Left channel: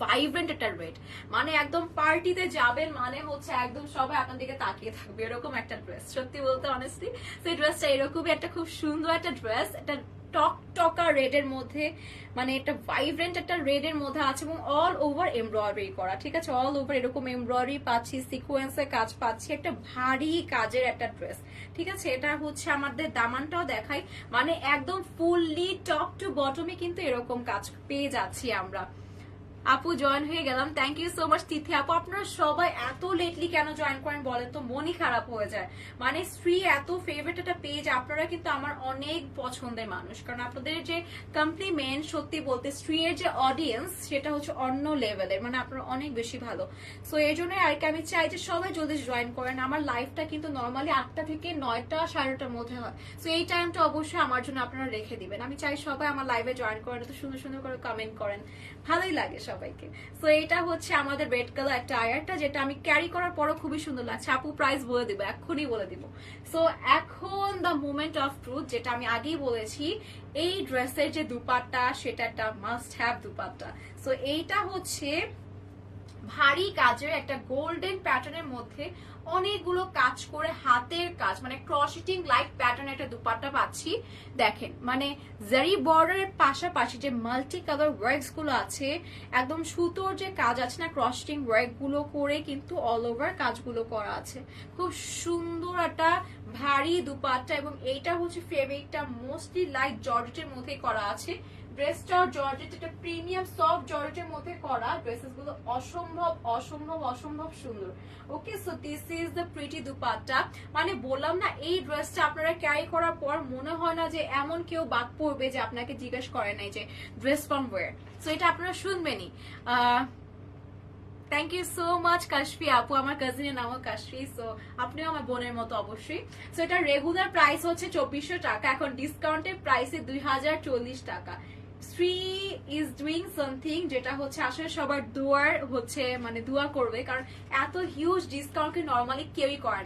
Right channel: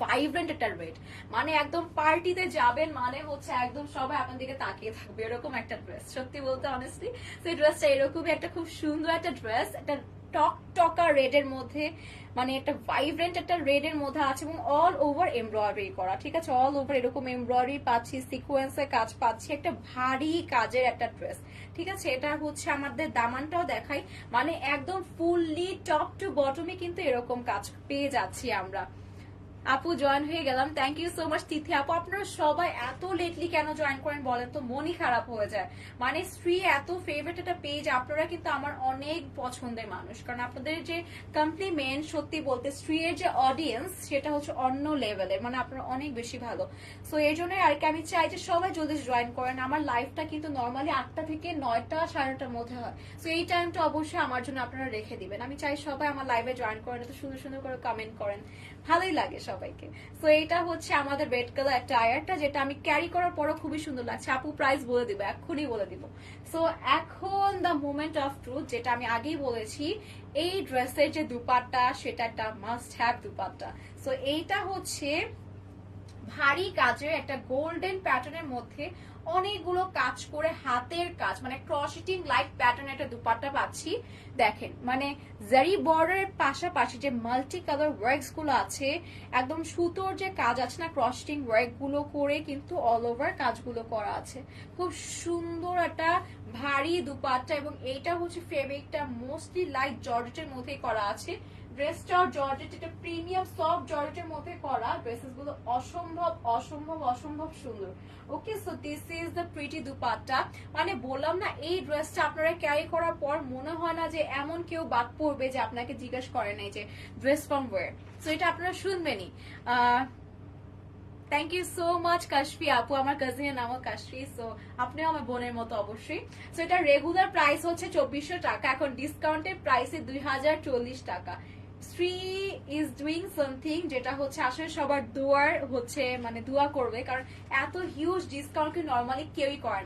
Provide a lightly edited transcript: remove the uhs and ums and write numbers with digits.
Vibrant একটা red, মানে একদম পার্টিতে যাবেন মানে হচ্ছে একদম সবাই আপনার দিকে তাকিয়ে থাকবে এরকম একটা ড্রেস, সত্যি বলতে অনেস্টলি। তো এই ড্রেসটা এরকমই একটা খুব সুন্দর একটা ড্রেস, একটা টক টকা রেড এর মধ্যে, মানে একটা ভাইব্রেন্ট একটা রেড এর মধ্যে আছে এবং অল ওভার এমব্রয়ডারি করা, ঠিক আছে, অল ওভার এরকম এমব্রয়ডারি পাচ্ছি, সিকোয়েন্সের কাজ পাচ্ছি, একটা ভারী কাজের একটা ড্রেস, ঠিক আছে। এটা হচ্ছে আমাদের দামানটাও দেখাই, মানে একদম ফুললি টপ টু বটমে কিন্তু এরকম কাজ পেয়ে যাচ্ছি আমরা। আপু জয়েন হয়ে গেলাম, থ্যাংক ইউ সো মাচ তিথি আপু। আপনারা সবাই এত লেটলি কেন জয়েন করেন বলেন তো, মনই খারাপ হয়ে যায়। মানে স্ত্রী এত ফেভারিট একটা পেজ, আপনারা কিন্তু আমার অনেক পছন্দের মানুষ, কারণ আপনাদের যে কমপ্লিমেন্ট, সত্যি বলতে স্ত্রীর যে অডিয়েন্স সেটা হচ্ছে অন্য লেভেলের, মানে আপনারা অনেক বেশি ভালো। সো এই জন্য আর কি আমি চাই যে সবাই যদি জয়েন করেন। আমার লাইফটা কিন্তু নর্মালি 8টা থেকে 9টা 9:30টার মধ্যে হয়, সো এই টাইমটা অবশ্যই আমার জন্য আপনারা রেখে দিবেন। আমি চাই সবাই আমার লাইভে জয়েন করেন, তো সুন্দর সুন্দর করে কমেন্ট করেন, ভালোই লাগে সবাইকে। সো এটা হচ্ছে আমাদের রেড কালার একটা আয়ারটা, যেটা আমি ক্যারি করার পরও খুবই সুন্দর লাগছে। আপু প্রাইস বলে দিব, এক্ষুনি বলে দিব। সো এখন দ্য মোমেন্ট অফ ট্রুথ, যেটা আমি আগেই বলেছি, এই ড্রেসের যে দুপাট্টা সেটা একটা মাস্ট হ্যাভ দুপাট্টা। সো এইটা হচ্ছে ভারী কাজের একটা গোল্ডেন প্যাটার্নের মধ্যে অনেকগুলো কাজ করে হাতের কাজ, মানে ক্রসিটিং লাইট প্যাটার্নের একটা দুপাট্টা পাচ্ছি। দেখেন মানে জারি বর্ডারের পাশাপাশি যে মাল্টি কালার ওয়ার্কস গুলো আছে, একদম সুতোর যে কাজ আছে না, ক্রসিটিং ওয়ার্ক গুলো করে কিন্তু অল ওভার কাজগুলো করা আছে। খুব সুন্দর একটা ভারী দুপাট্টা, এবং এইটা হচ্ছে ফেব্রিকটা মোস্টলি লাইট জর্জেটের মধ্যেই করা আছে। ড্রেসটাও জর্জেট, এটা প্রিমিয়াম সফট জর্জেটের মধ্যে করা। ড্রেসেস গুলো অসম্ভব অসম্ভব অসম্ভব সুন্দর। Okay, so this is the pretty dupatta. মানে বললাম না, এই ড্রেসটা আপনারা ক্যারি করার পর মনে হয় না যে এমন কেউ বাদ পড়বে যে আপনাকে জিজ্ঞেস করে নাই যে ড্রেস ফ্রম ওয়্যার। সো এটা আপনারা শুনবেনই। Thank you so much Kashfi আপু, আমার কাজিনের নামও কাশফি, সো আপনিও আমার বোনের মতো অবশ্যই। সো এটা রেগুলার প্রাইস হচ্ছে 2400 টাকা, এখন ডিসকাউন্টের প্রাইসে 2040 টাকা। শ্রী ইজ ডুইং সামথিং, যেটা হচ্ছে আসলে সবার দোয়ার হচ্ছে, মানে দোয়া করবে, কারণ এত হিউজ ডিসকাউন্ট নর্মালি কেউই করে না।